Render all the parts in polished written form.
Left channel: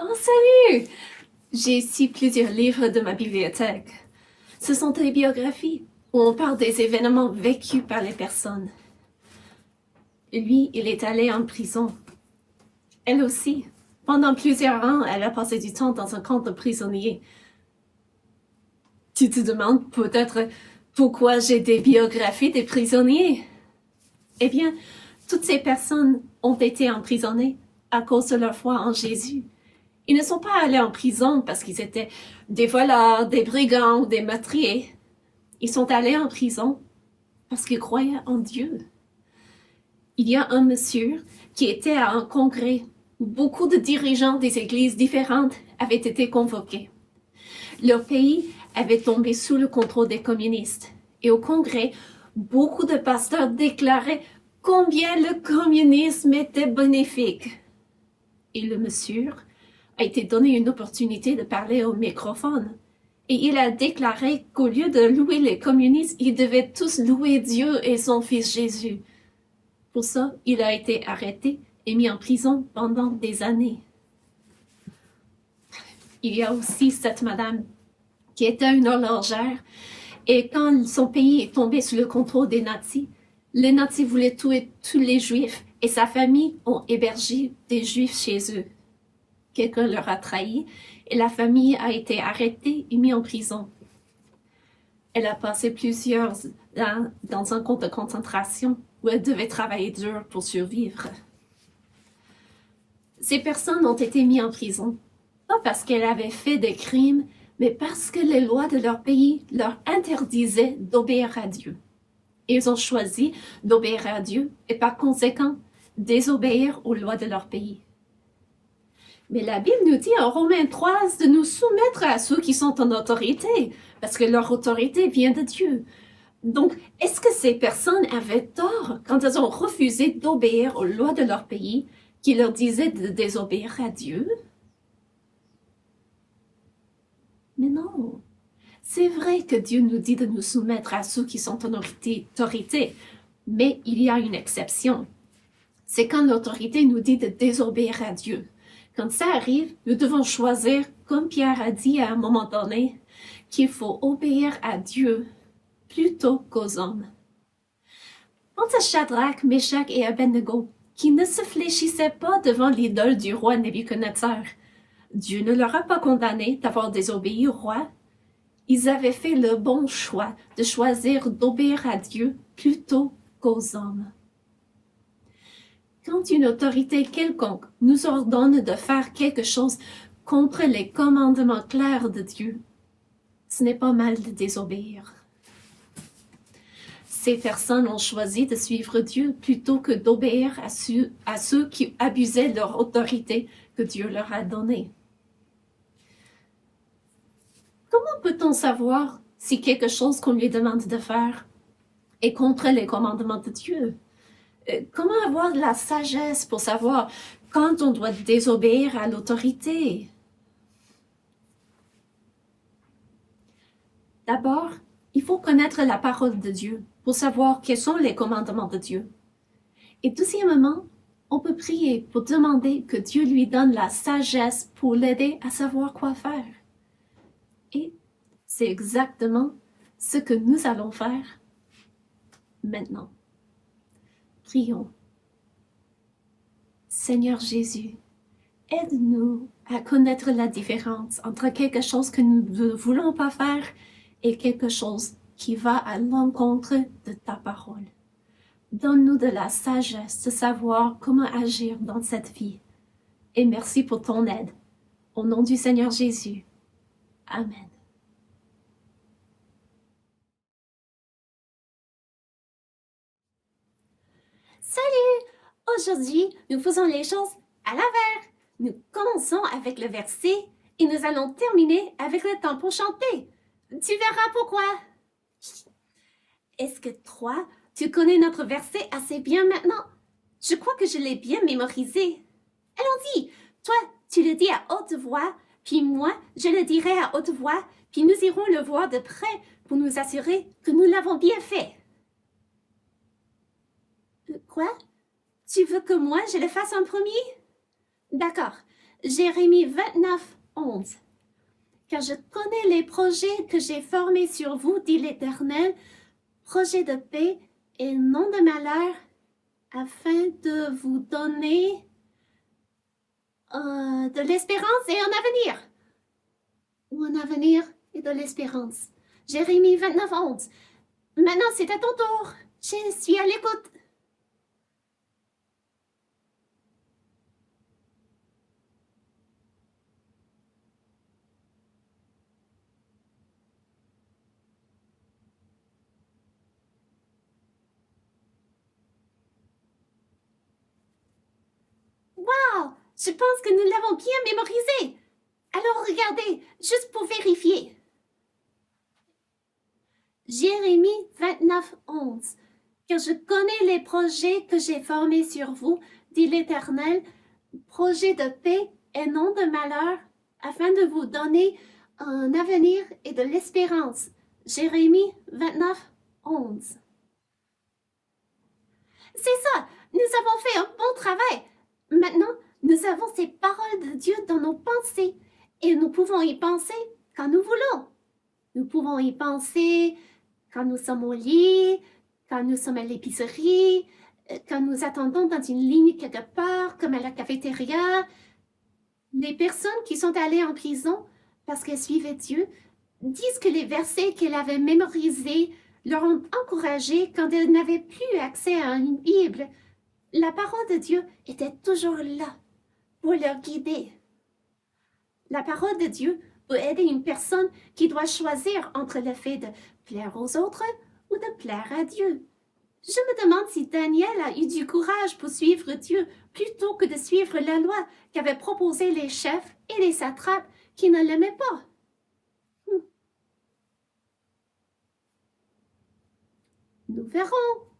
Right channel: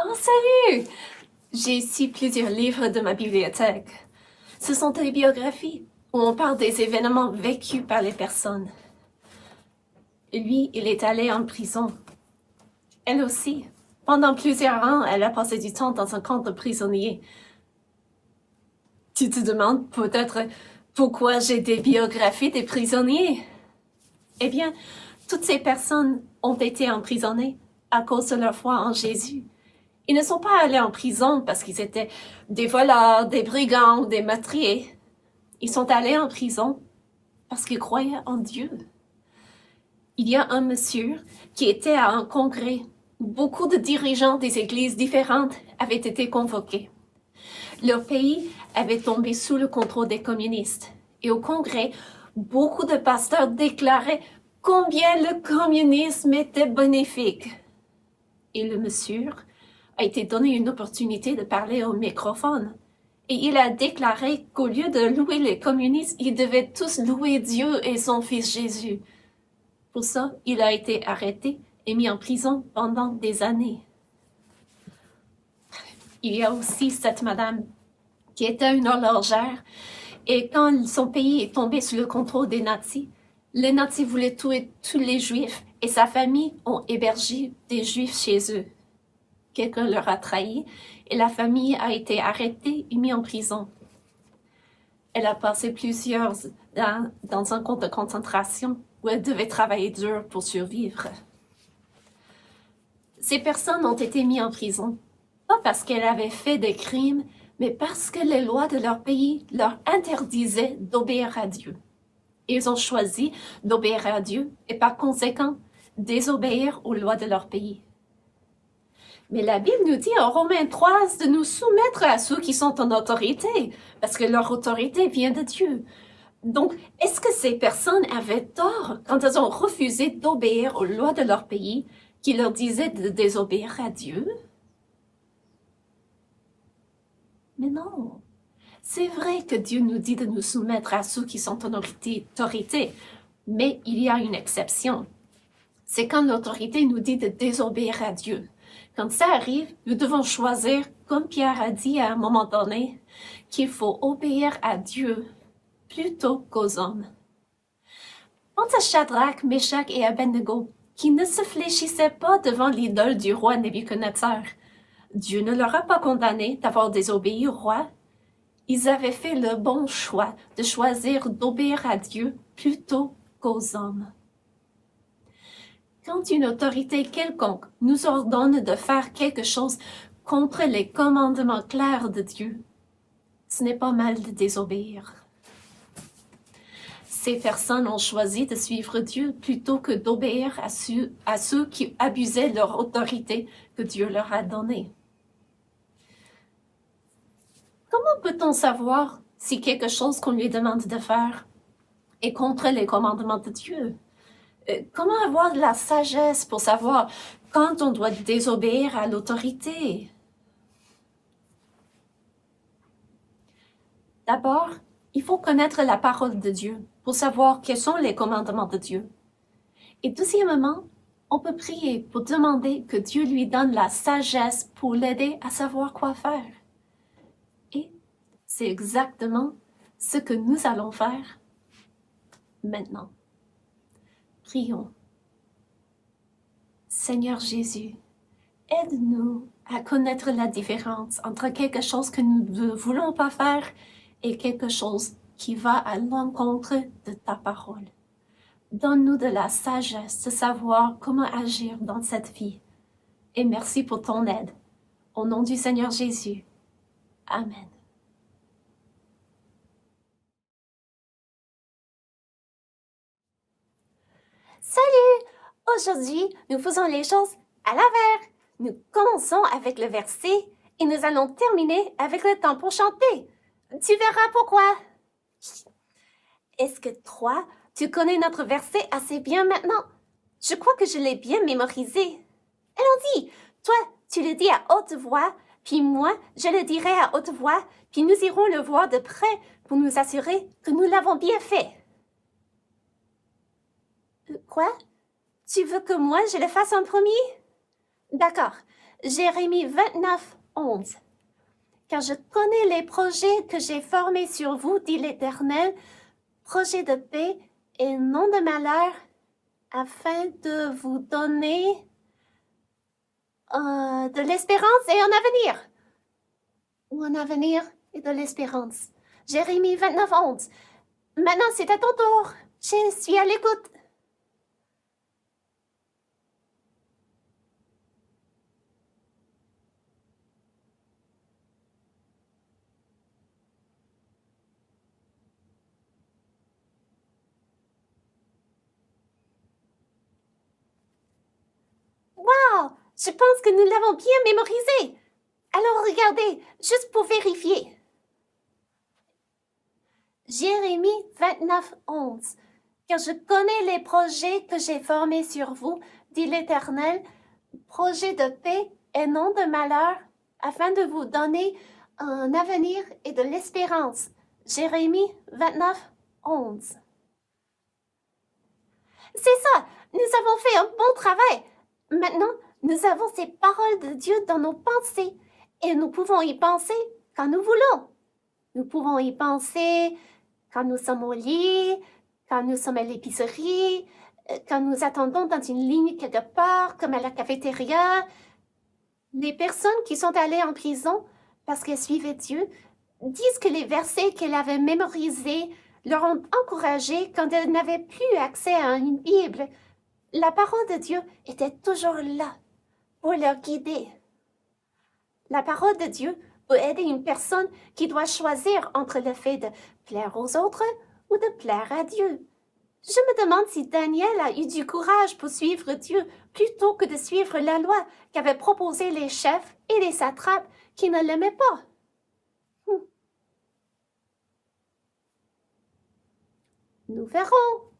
Oh, salut! J'ai ici plusieurs livres de ma bibliothèque. Ce sont des biographies où on parle des événements vécus par les personnes. Lui, il est allé en prison. Elle aussi. Pendant plusieurs ans, elle a passé du temps dans un camp de prisonniers. Tu te demandes peut-être pourquoi j'ai des biographies des prisonniers? Eh bien, toutes ces personnes ont été emprisonnées à cause de leur foi en Jésus. Ils ne sont pas allés en prison parce qu'ils étaient des voleurs, des brigands ou des meurtriers. Ils sont allés en prison parce qu'ils croyaient en Dieu. Il y a un monsieur qui était à un congrès où beaucoup de dirigeants des églises différentes avaient été convoqués. Leur pays avait tombé sous le contrôle des communistes. Et au congrès, beaucoup de pasteurs déclaraient combien le communisme était bénéfique. Et le monsieur a été donné une opportunité de parler au microphone. Et il a déclaré qu'au lieu de louer les communistes, ils devaient tous louer Dieu et son fils Jésus. Pour ça, il a été arrêté et mis en prison pendant des années. Il y a aussi cette madame qui était une horlogère et quand son pays est tombé sous le contrôle des nazis, les nazis voulaient tuer tous les juifs et sa famille ont hébergé des juifs chez eux. Quelqu'un leur a trahi et la famille a été arrêtée et mise en prison. Elle a passé plusieurs ans dans un camp de concentration où elle devait travailler dur pour survivre. Ces personnes ont été mises en prison, pas parce qu'elles avaient fait des crimes, mais parce que les lois de leur pays leur interdisaient d'obéir à Dieu. Ils ont choisi d'obéir à Dieu et par conséquent désobéir aux lois de leur pays. Mais la Bible nous dit en Romains 3 de nous soumettre à ceux qui sont en autorité, parce que leur autorité vient de Dieu. Donc, est-ce que ces personnes avaient tort quand elles ont refusé d'obéir aux lois de leur pays qui leur disaient de désobéir à Dieu? Mais non. C'est vrai que Dieu nous dit de nous soumettre à ceux qui sont en autorité, mais il y a une exception. C'est quand l'autorité nous dit de désobéir à Dieu. Quand ça arrive, nous devons choisir, comme Pierre a dit à un moment donné, qu'il faut obéir à Dieu plutôt qu'aux hommes. Pense à Shadrach, Meshach et Abednego, qui ne se fléchissaient pas devant l'idole du roi Nebuchadnezzar. Dieu ne leur a pas condamné d'avoir désobéi au roi. Ils avaient fait le bon choix de choisir d'obéir à Dieu plutôt qu'aux hommes. Quand une autorité quelconque nous ordonne de faire quelque chose contre les commandements clairs de Dieu, ce n'est pas mal de désobéir. Ces personnes ont choisi de suivre Dieu plutôt que d'obéir à ceux qui abusaient de leur autorité que Dieu leur a donnée. Comment peut-on savoir si quelque chose qu'on lui demande de faire est contre les commandements de Dieu? Comment avoir de la sagesse pour savoir quand on doit désobéir à l'autorité? D'abord, il faut connaître la parole de Dieu pour savoir quels sont les commandements de Dieu. Et deuxièmement, on peut prier pour demander que Dieu lui donne la sagesse pour l'aider à savoir quoi faire. Et c'est exactement ce que nous allons faire maintenant. Prions. Seigneur Jésus, aide-nous à connaître la différence entre quelque chose que nous ne voulons pas faire et quelque chose qui va à l'encontre de ta parole. Donne-nous de la sagesse de savoir comment agir dans cette vie. Et merci pour ton aide. Au nom du Seigneur Jésus. Amen. Salut! Aujourd'hui, nous faisons les choses à l'envers. Nous commençons avec le verset et nous allons terminer avec le temps pour chanter. Tu verras pourquoi. Est-ce que toi, tu connais notre verset assez bien maintenant? Je crois que je l'ai bien mémorisé. Allons-y! Toi, tu le dis à haute voix, puis moi, je le dirai à haute voix, puis nous irons le voir de près pour nous assurer que nous l'avons bien fait. Quoi? Tu veux que moi, je le fasse en premier? D'accord. Jérémie 29, 11. Car je connais les projets que j'ai formés sur vous, dit l'Éternel, projets de paix et non de malheur, afin de vous donner de l'espérance et un avenir. Ou un avenir et de l'espérance. Jérémie 29, 11. Maintenant, c'est à ton tour. Je suis à l'écoute. Wow! Je pense que nous l'avons bien mémorisé. Alors regardez, juste pour vérifier. Jérémie 29, 11. Car je connais les projets que j'ai formés sur vous, dit l'Éternel, projets de paix et non de malheur, afin de vous donner un avenir et de l'espérance. Jérémie 29, 11. C'est ça, nous avons fait un bon travail. Maintenant, nous avons ces paroles de Dieu dans nos pensées et nous pouvons y penser quand nous voulons. Nous pouvons y penser quand nous sommes au lit, quand nous sommes à l'épicerie, quand nous attendons dans une ligne quelque part, comme à la cafétéria. Les personnes qui sont allées en prison parce qu'elles suivaient Dieu disent que les versets qu'elles avaient mémorisés leur ont encouragé quand elles n'avaient plus accès à une Bible. La parole de Dieu était toujours là pour leur guider. La parole de Dieu peut aider une personne qui doit choisir entre le fait de plaire aux autres ou de plaire à Dieu. Je me demande si Daniel a eu du courage pour suivre Dieu plutôt que de suivre la loi qu'avaient proposée les chefs et les satrapes qui ne l'aimaient pas. Nous verrons.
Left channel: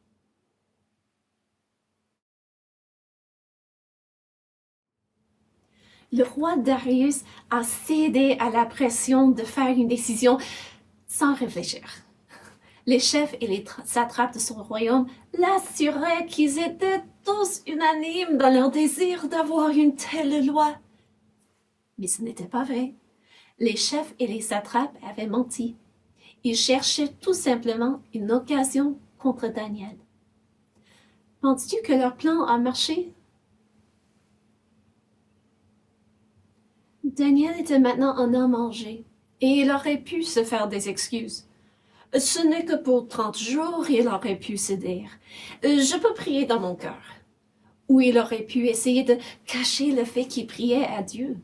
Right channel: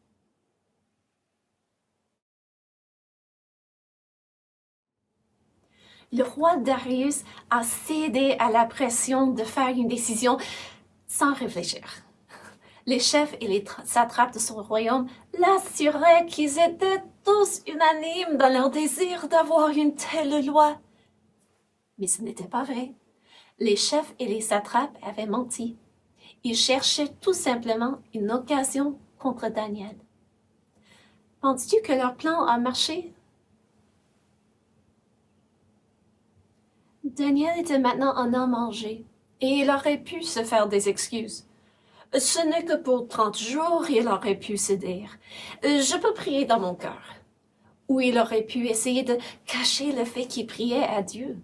Le roi Darius a cédé à la pression de faire une décision sans réfléchir. Les chefs et les satrapes de son royaume l'assuraient qu'ils étaient tous unanimes dans leur désir d'avoir une telle loi. Mais ce n'était pas vrai. Les chefs et les satrapes avaient menti. Ils cherchaient tout simplement une occasion contre Daniel. Penses-tu que leur plan a marché? Daniel était maintenant un homme âgé et il aurait pu se faire des excuses. Ce n'est que pour 30 jours, il aurait pu se dire « Je peux prier dans mon cœur ». Ou il aurait pu essayer de cacher le fait qu'il priait à Dieu.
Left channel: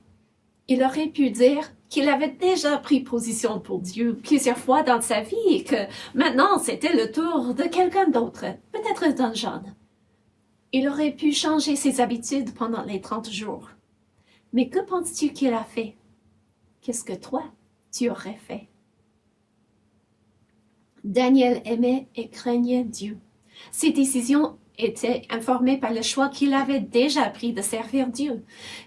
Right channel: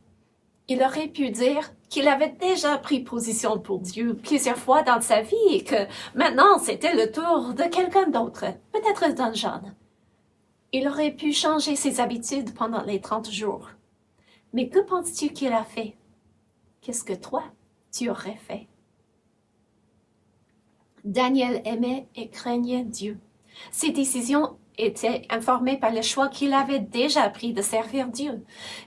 Il aurait pu dire qu'il avait déjà pris position pour Dieu plusieurs fois dans sa vie et que maintenant c'était le tour de quelqu'un d'autre, peut-être d'un jeune. Il aurait pu changer ses habitudes pendant les 30 jours. Mais que penses-tu qu'il a fait? Qu'est-ce que toi, tu aurais fait? Daniel aimait et craignait Dieu. Ses décisions étaient informées par le choix qu'il avait déjà pris de servir Dieu.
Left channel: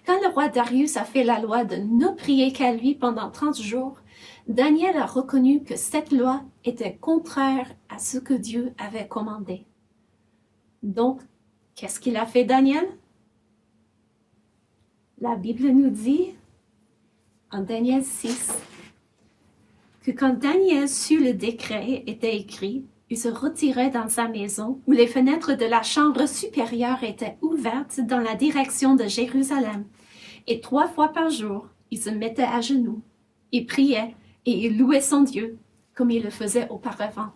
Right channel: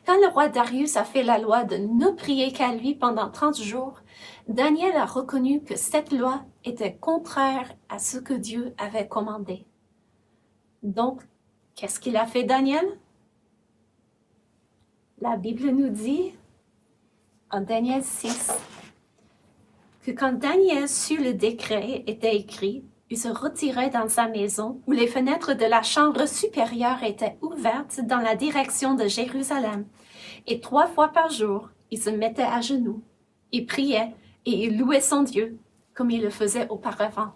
Quand le roi Darius a fait la loi de ne prier qu'à lui pendant 30 jours, Daniel a reconnu que cette loi était contraire à ce que Dieu avait commandé. Donc, qu'est-ce qu'il a fait, Daniel? La Bible nous dit, en Daniel 6, que quand Daniel sut le décret était écrit, il se retirait dans sa maison où les fenêtres de la chambre supérieure étaient ouvertes dans la direction de Jérusalem. Et 3 fois par jour, il se mettait à genoux, il priait et il louait son Dieu comme il le faisait auparavant.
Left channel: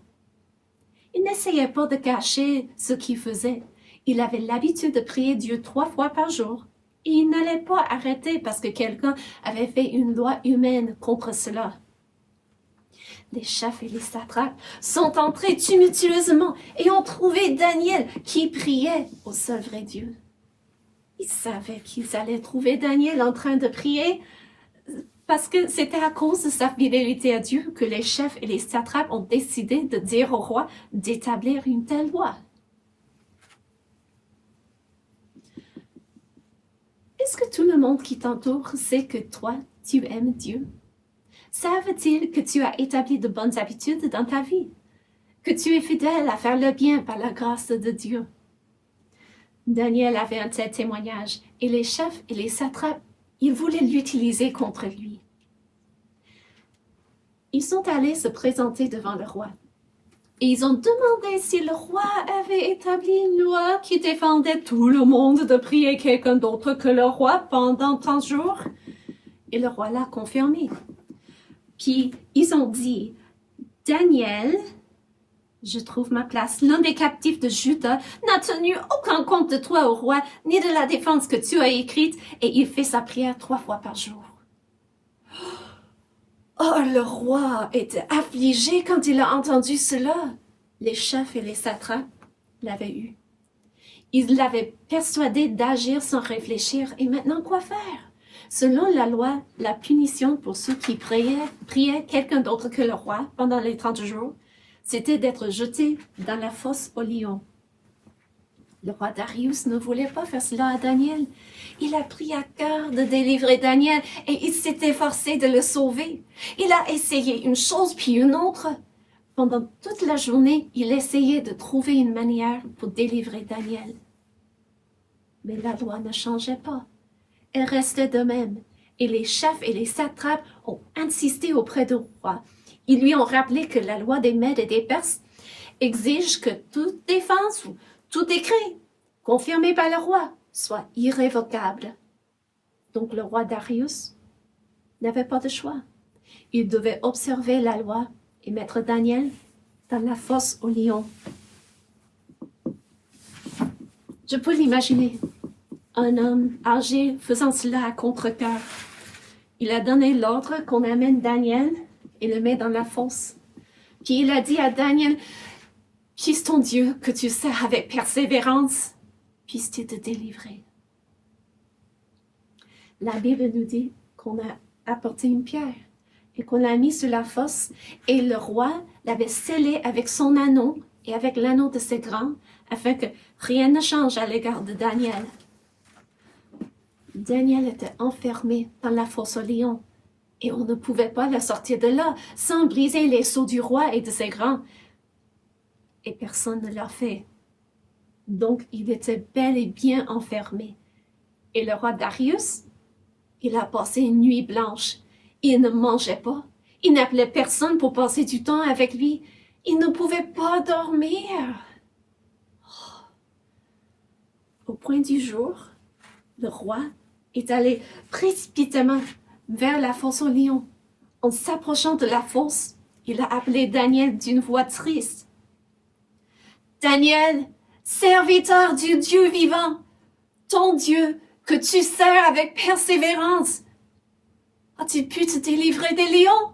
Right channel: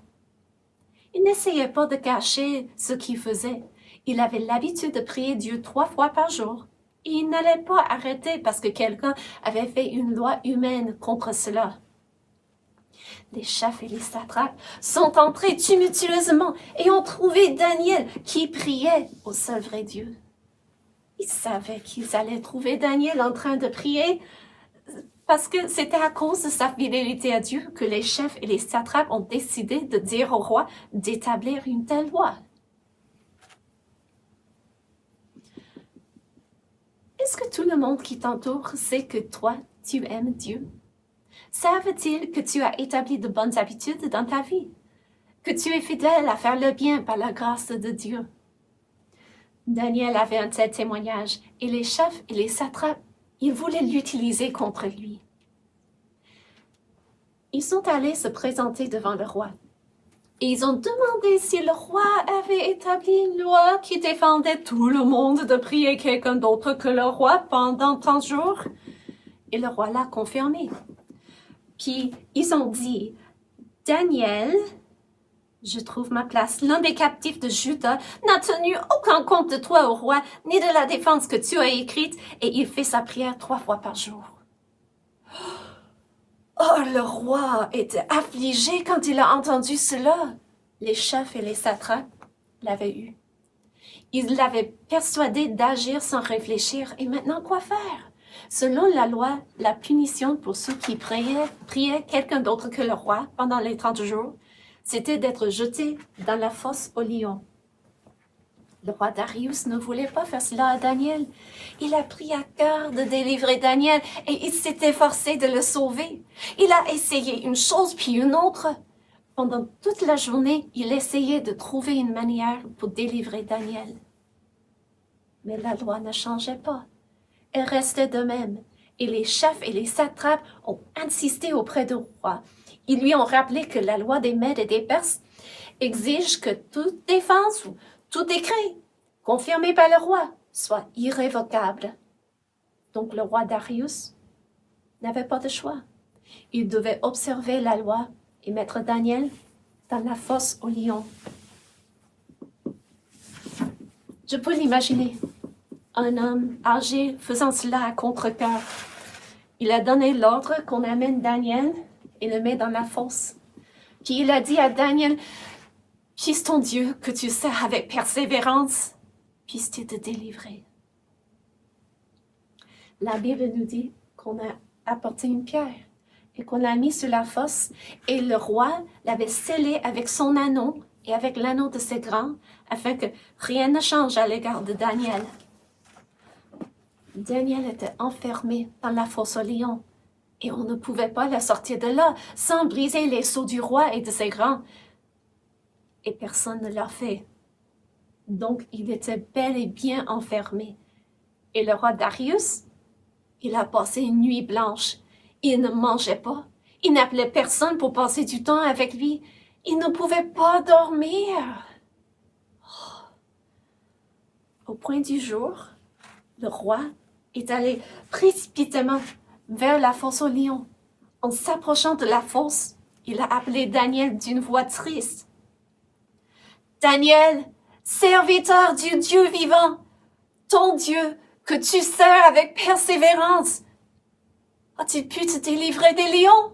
Il n'essayait pas de cacher ce qu'il faisait. Il avait l'habitude de prier Dieu 3 fois par jour. Et il n'allait pas arrêter parce que quelqu'un avait fait une loi humaine contre cela. Les chefs et les satrapes sont entrés tumultueusement et ont trouvé Daniel qui priait au seul vrai Dieu. Ils savaient qu'ils allaient trouver Daniel en train de prier parce que c'était à cause de sa fidélité à Dieu que les chefs et les satrapes ont décidé de dire au roi d'établir une telle loi. Est-ce que tout le monde qui t'entoure sait que toi, tu aimes Dieu? Savent-ils que tu as établi de bonnes habitudes dans ta vie? Que tu es fidèle à faire le bien par la grâce de Dieu? Daniel avait un tel témoignage et les chefs et les satrapes Ils voulaient l'utiliser contre lui. Ils sont allés se présenter devant le roi. Et ils ont demandé si le roi avait établi une loi qui défendait tout le monde de prier quelqu'un d'autre que le roi pendant tant de jours. Et le roi l'a confirmé. Puis ils ont dit, Daniel, je trouve ma place, l'un des captifs de Juda, n'a tenu aucun compte de toi au roi, ni de la défense que tu as écrite, et il fait sa prière 3 fois par jour. Oh, le roi était affligé quand il a entendu cela. Les chefs et les satrapes l'avaient eu. Ils l'avaient persuadé d'agir sans réfléchir. Et maintenant, quoi faire? Selon la loi, la punition pour ceux qui priaient quelqu'un d'autre que le roi pendant les 30 jours, c'était d'être jeté dans la fosse aux lions. Le roi Darius ne voulait pas faire cela à Daniel. Il a pris à cœur de délivrer Daniel et il s'est efforcé de le sauver. Il a essayé une chose puis une autre. Pendant toute la journée, il essayait de trouver une manière pour délivrer Daniel. Mais la loi ne changeait pas. Elle restait de même. Et les chefs et les satrapes ont insisté auprès du roi. Ils lui ont rappelé que la loi des Mèdes et des Perses exige que toute défense ou tout décret confirmé par le roi soit irrévocable. Donc le roi Darius n'avait pas de choix. Il devait observer la loi et mettre Daniel dans la fosse aux lions. Je peux l'imaginer, un homme âgé faisant cela à contre-cœur. Il a donné l'ordre qu'on amène Daniel et le met dans la fosse. Puis il a dit à Daniel, « Puisse ton Dieu que tu sers avec persévérance, puisse-t-il te délivrer. » La Bible nous dit qu'on a apporté une pierre et qu'on l'a mis sur la fosse et le roi l'avait scellé avec son anneau et avec l'anneau de ses grands afin que rien ne change à l'égard de Daniel. Daniel était enfermé dans la fosse aux lions et on ne pouvait pas le sortir de là sans briser les sceaux du roi et de ses grands. Et personne ne l'a fait. Donc il était bel et bien enfermé. Et le roi Darius, il a passé une nuit blanche. Il ne mangeait pas. Il n'appelait personne pour passer du temps avec lui. Il ne pouvait pas dormir. Au point du jour, le roi est allé précipitamment vers la fosse aux lions. En s'approchant de la fosse, il a appelé Daniel d'une voix triste. « Daniel, serviteur du Dieu vivant, ton Dieu que tu sers avec persévérance, a-t-il pu te délivrer des lions?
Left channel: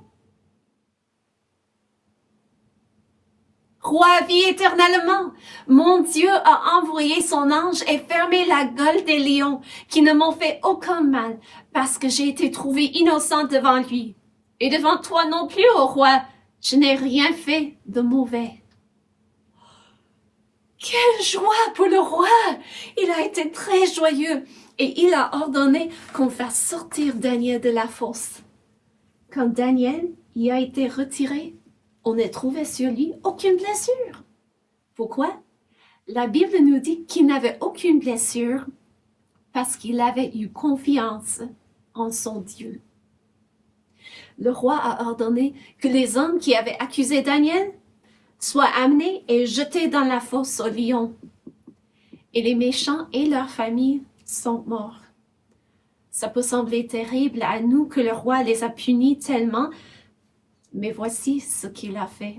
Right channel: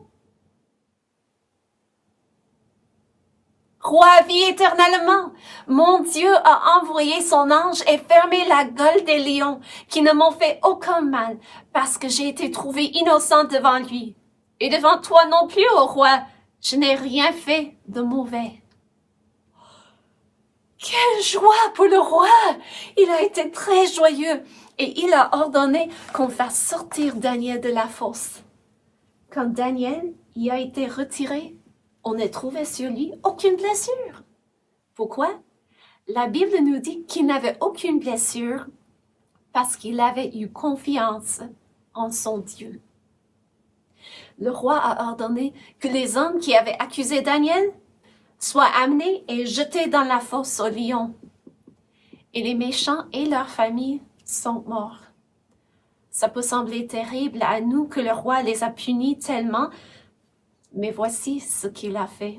Roi, vis éternellement. Mon Dieu a envoyé son ange et fermé la gueule des lions qui ne m'ont fait aucun mal parce que j'ai été trouvée innocente devant lui. Et devant toi non plus, ô roi, je n'ai rien fait de mauvais. » Quelle joie pour le roi! Il a été très joyeux et il a ordonné qu'on fasse sortir Daniel de la fosse. Quand Daniel y a été retiré, on ne trouvait sur lui aucune blessure. Pourquoi? La Bible nous dit qu'il n'avait aucune blessure parce qu'il avait eu confiance en son Dieu. Le roi a ordonné que les hommes qui avaient accusé Daniel soient amenés et jetés dans la fosse aux lions. Et les méchants et leurs familles sont morts. Ça peut sembler terrible à nous que le roi les a punis tellement, mais voici ce qu'il a fait.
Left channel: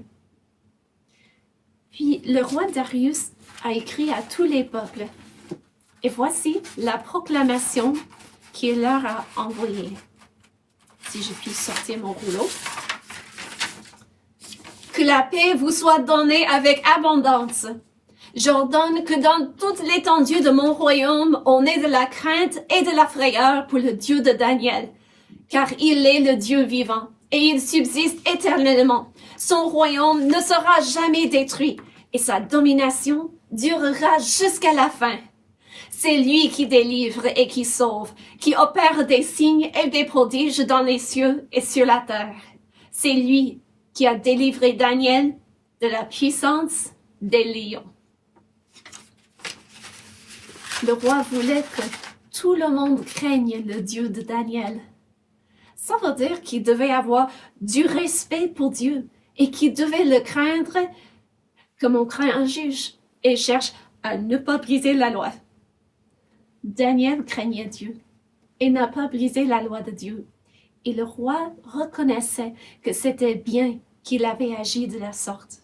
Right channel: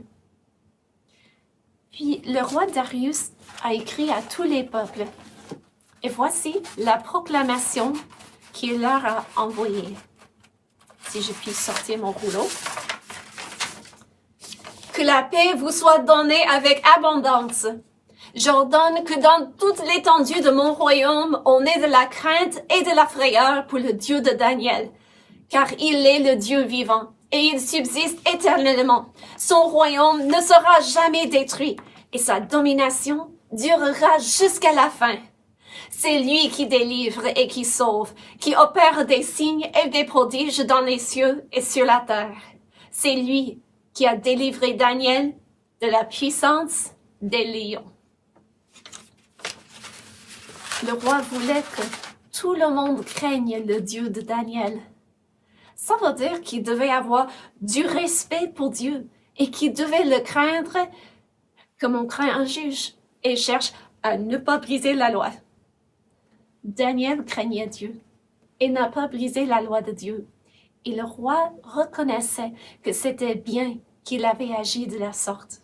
Puis le roi Darius a écrit à tous les peuples. Et voici la proclamation qu'il leur a envoyée. Si je puis sortir mon rouleau. Que la paix vous soit donnée avec abondance. J'ordonne que dans toute l'étendue de mon royaume, on ait de la crainte et de la frayeur pour le Dieu de Daniel, car il est le Dieu vivant et il subsiste éternellement. Son royaume ne sera jamais détruit et sa domination durera jusqu'à la fin. C'est lui qui délivre et qui sauve, qui opère des signes et des prodiges dans les cieux et sur la terre. C'est lui qui a délivré Daniel de la puissance des lions. Le roi voulait que tout le monde craigne le Dieu de Daniel. Ça veut dire qu'il devait avoir du respect pour Dieu et qu'il devait le craindre comme on craint un juge et cherche à ne pas briser la loi. Daniel craignait Dieu et n'a pas brisé la loi de Dieu. Et le roi reconnaissait que c'était bien qu'il avait agi de la sorte.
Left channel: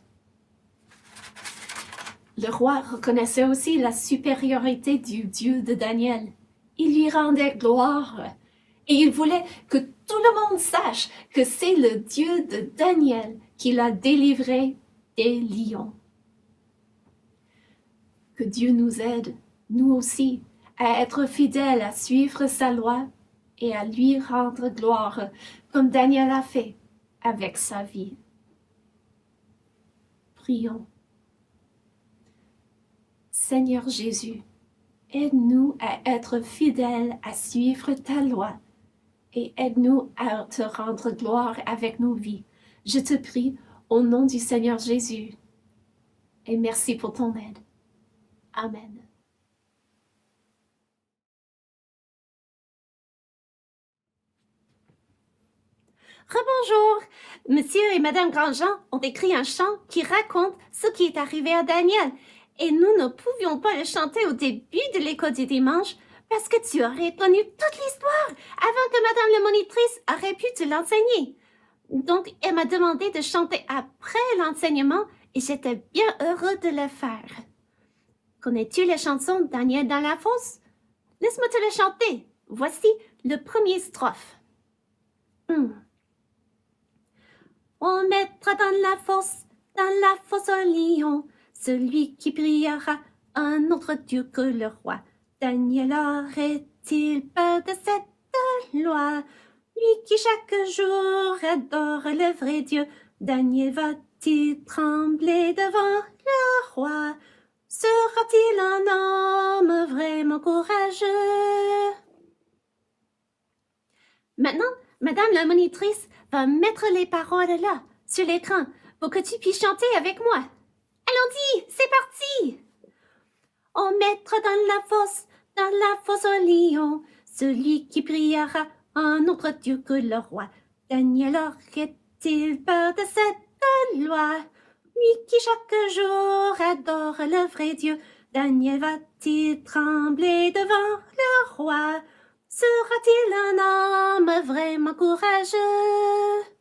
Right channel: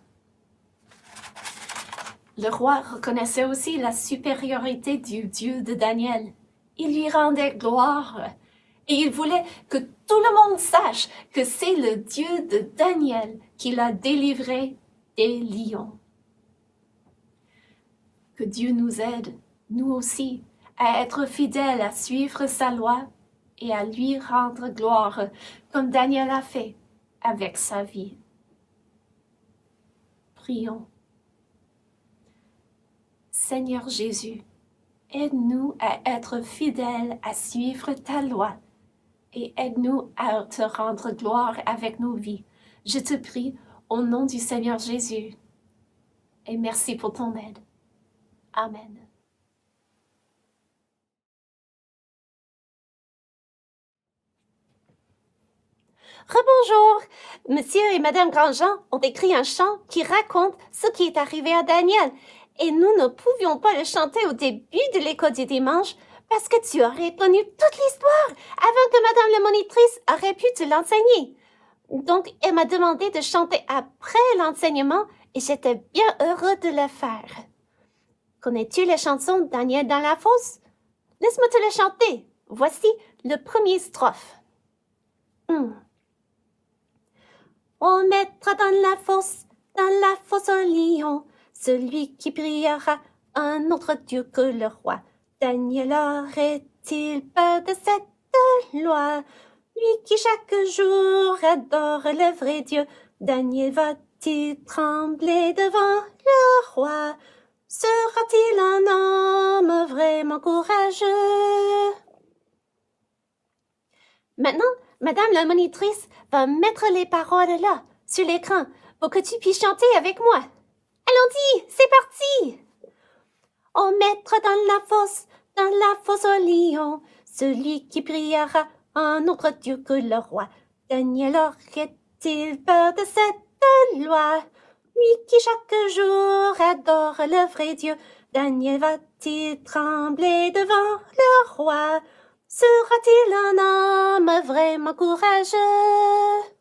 Le roi reconnaissait aussi la supériorité du Dieu de Daniel. Il lui rendait gloire et il voulait que tout le monde sache que c'est le Dieu de Daniel qui l'a délivré des lions. Que Dieu nous aide, nous aussi, à être fidèles, à suivre sa loi et à lui rendre gloire, comme Daniel a fait avec sa vie. Prions. Seigneur Jésus, aide-nous à être fidèles, à suivre ta loi et aide-nous à te rendre gloire avec nos vies. Je te prie au nom du Seigneur Jésus et merci pour ton aide. Amen. Rebonjour! Monsieur et Madame Grandjean ont écrit un chant qui raconte ce qui est arrivé à Daniel. Et nous ne pouvions pas le chanter au début de l'école du dimanche parce que tu aurais connu toute l'histoire avant que Madame la monitrice aurait pu te l'enseigner. Donc, elle m'a demandé de chanter après l'enseignement et j'étais bien heureux de le faire. Connais-tu la chanson Daniel dans la fosse? Laisse-moi te la chanter. Voici le premier strophe. On mettra dans la fosse un lion, celui qui priera un autre Dieu que le roi. Daniel aurait-il peur de cette loi? Lui qui chaque jour adore le vrai Dieu, Daniel va-t-il trembler devant le roi? Sera-t-il un homme vraiment courageux? Maintenant, Madame la monitrice va mettre les paroles là, sur l'écran, pour que tu puisses chanter avec moi. Allons-y, c'est parti! On mettra dans la fosse un lion, celui qui priera un autre Dieu que le roi. Daniel aurait-il peur de cette loi? Lui qui chaque jour adore le vrai Dieu, Daniel va-t-il trembler devant le roi? Sera-t-il un homme vraiment courageux?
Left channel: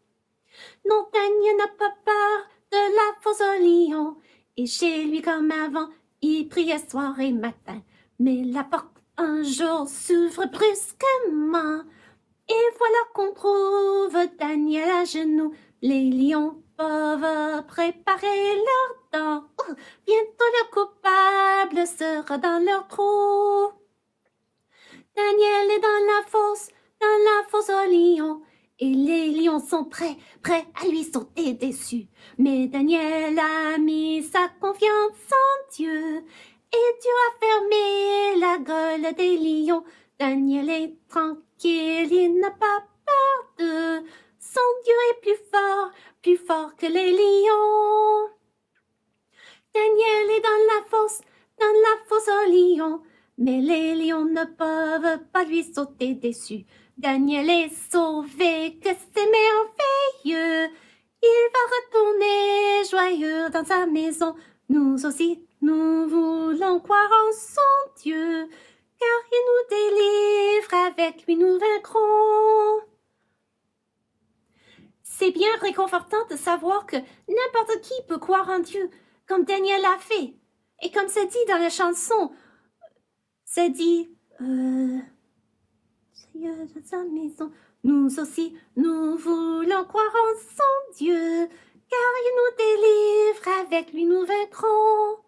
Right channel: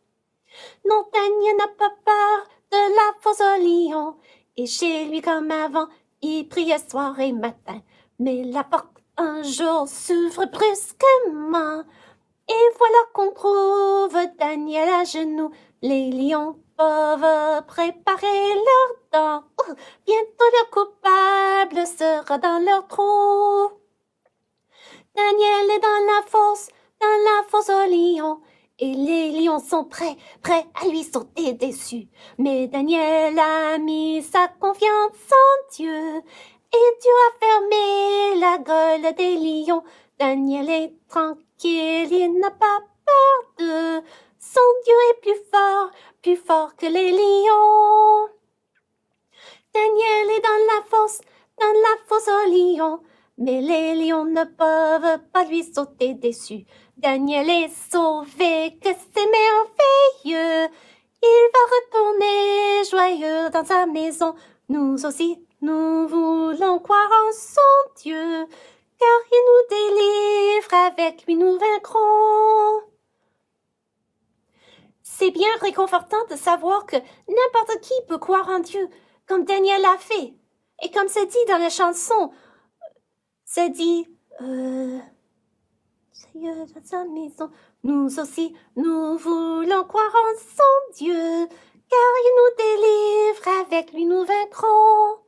Non, Daniel n'a pas peur de la fosse au lion, et chez lui comme avant, il priait soir et matin. Mais la porte un jour s'ouvre brusquement, et voilà qu'on trouve Daniel à genoux. Les lions peuvent préparer leurs dents. Bientôt le coupable sera dans leur trou. Daniel est dans la fosse au lion, et les lions sont prêts à lui sauter dessus. Mais Daniel a mis sa confiance en Dieu, et Dieu a fermé la gueule des lions. Daniel est tranquille, il n'a pas peur d'eux. Son Dieu est plus fort que les lions. Daniel est dans la fosse au lion, mais les lions ne peuvent pas lui sauter dessus. Daniel est sauvé, que c'est merveilleux. Il va retourner joyeux dans sa maison. Nous aussi, nous voulons croire en son Dieu, car il nous délivre, avec lui nous vaincrons. C'est bien réconfortant de savoir que n'importe qui peut croire en Dieu, comme Daniel l'a fait. Et comme c'est dit dans la chanson, c'est dit, Seigneur dans sa maison, nous aussi, nous voulons croire en son Dieu, car il nous délivre, avec lui nous vaincrons.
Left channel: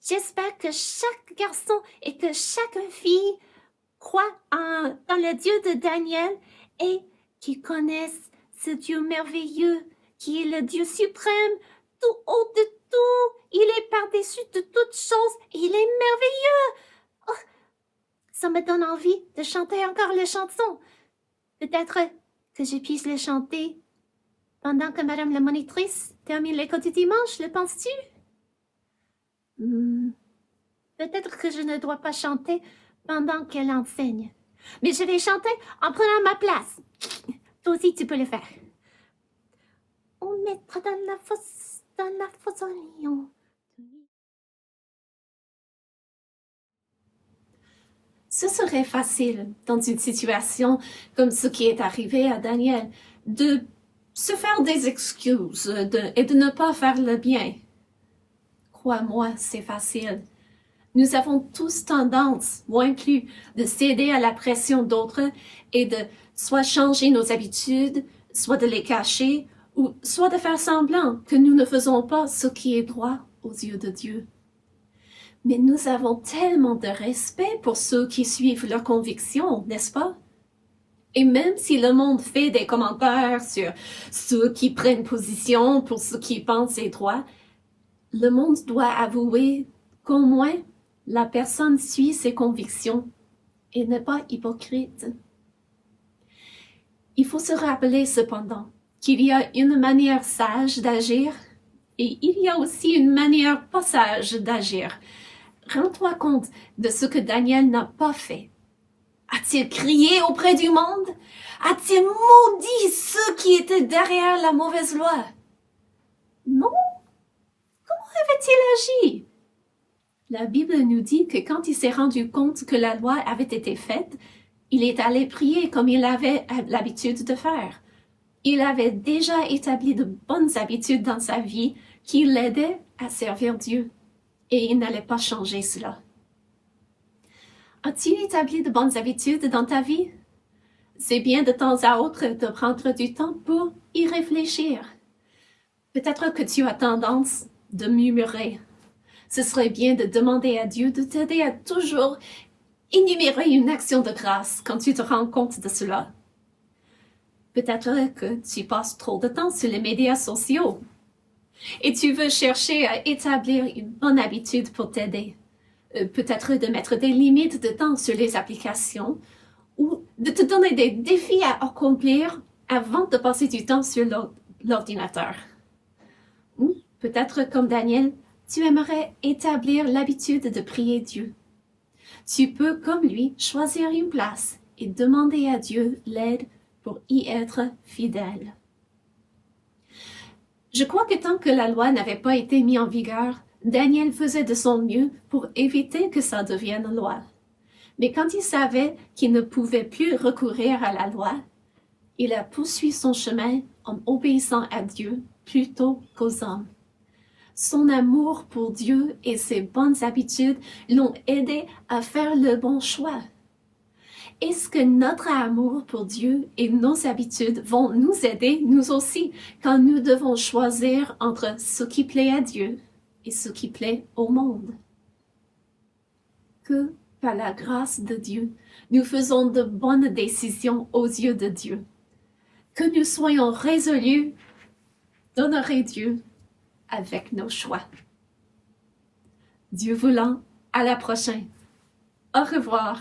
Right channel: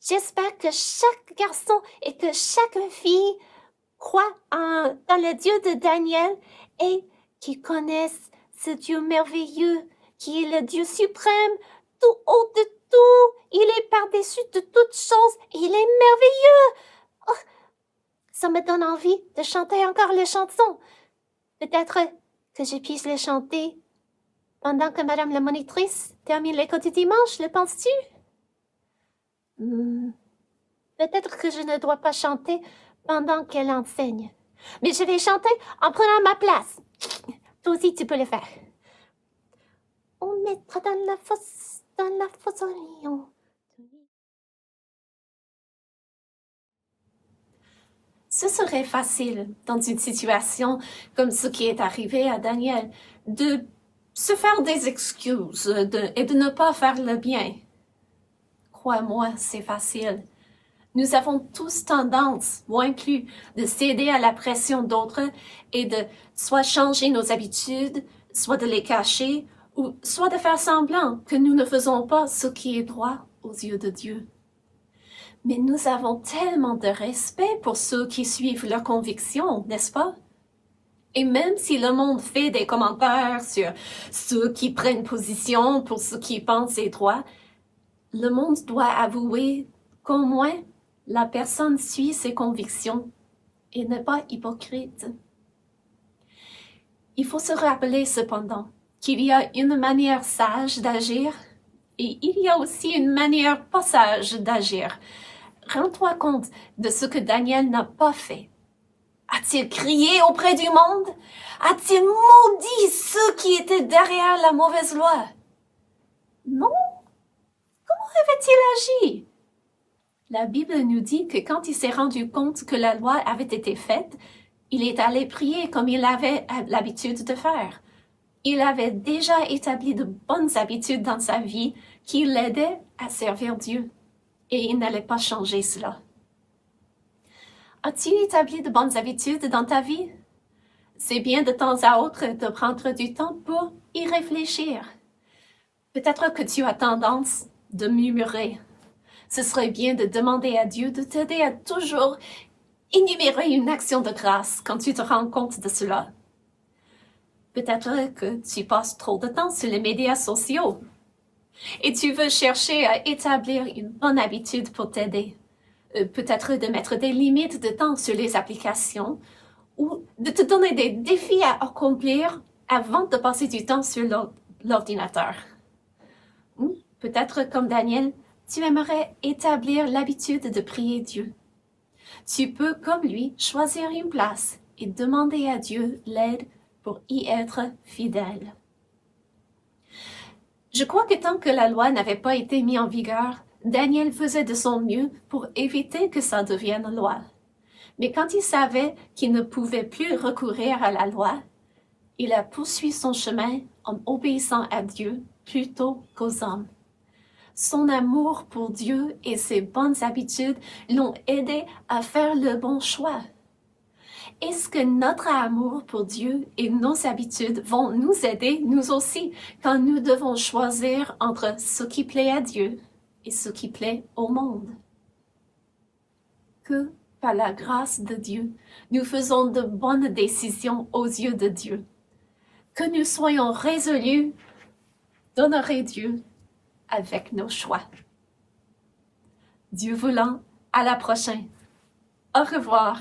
J'espère que chaque garçon et que chaque fille croient dans le Dieu de Daniel et qu'ils connaissent ce Dieu merveilleux qui est le Dieu suprême, tout haut de tout. Il est par-dessus de toutes choses. Il est merveilleux. Oh, ça me donne envie de chanter encore les chansons. Peut-être que je puisse les chanter pendant que Madame la monitrice termine l'école du dimanche, le penses-tu? Peut-être que je ne dois pas chanter pendant qu'elle enseigne. Mais je vais chanter en prenant ma place. Toi aussi, tu peux le faire. On mettra dans la fosse au lion. Ce serait facile, dans une situation comme ce qui est arrivé à Daniel, de se faire des excuses et de ne pas faire le bien. Crois-moi, c'est facile. Nous avons tous tendance, moi inclus, de céder à la pression d'autres et de soit changer nos habitudes, soit de les cacher, ou soit de faire semblant que nous ne faisons pas ce qui est droit aux yeux de Dieu. Mais nous avons tellement de respect pour ceux qui suivent leurs convictions, n'est-ce pas? Et même si le monde fait des commentaires sur ceux qui prennent position pour ce qu'ils pensent est droit, le monde doit avouer qu'au moins la personne suit ses convictions et n'est pas hypocrite. Il faut se rappeler cependant qu'il y a une manière sage d'agir et il y a aussi une manière pas sage d'agir. Rends-toi compte de ce que Daniel n'a pas fait. A-t-il crié auprès du monde? A-t-il maudit ceux qui étaient derrière la mauvaise loi? Non. Comment avait-il agi? La Bible nous dit que quand il s'est rendu compte que la loi avait été faite, il est allé prier comme il avait l'habitude de faire. Il avait déjà établi de bonnes habitudes dans sa vie qui l'aidaient à servir Dieu. Et il n'allait pas changer cela. As-tu établi de bonnes habitudes dans ta vie? C'est bien de temps à autre de prendre du temps pour y réfléchir. Peut-être que tu as tendance de murmurer. Ce serait bien de demander à Dieu de t'aider à toujours énumérer une action de grâce quand tu te rends compte de cela. Peut-être que tu passes trop de temps sur les médias sociaux et tu veux chercher à établir une bonne habitude pour t'aider. Peut-être de mettre des limites de temps sur les applications ou de te donner des défis à accomplir avant de passer du temps sur l'ordinateur. Ou peut-être comme Daniel, tu aimerais établir l'habitude de prier Dieu. Tu peux, comme lui, choisir une place et demander à Dieu l'aide pour y être fidèle. Je crois que tant que la loi n'avait pas été mise en vigueur, Daniel faisait de son mieux pour éviter que ça devienne loi. Mais quand il savait qu'il ne pouvait plus recourir à la loi, il a poursuivi son chemin en obéissant à Dieu plutôt qu'aux hommes. Son amour pour Dieu et ses bonnes habitudes l'ont aidé à faire le bon choix. Est-ce que notre amour pour Dieu et nos habitudes vont nous aider, nous aussi, quand nous devons choisir entre ce qui plaît à Dieu et ce qui plaît au monde? Que, par la grâce de Dieu, nous faisons de bonnes décisions aux yeux de Dieu. Que nous soyons résolus d'honorer Dieu avec nos choix. Dieu voulant, à la prochaine. Au revoir.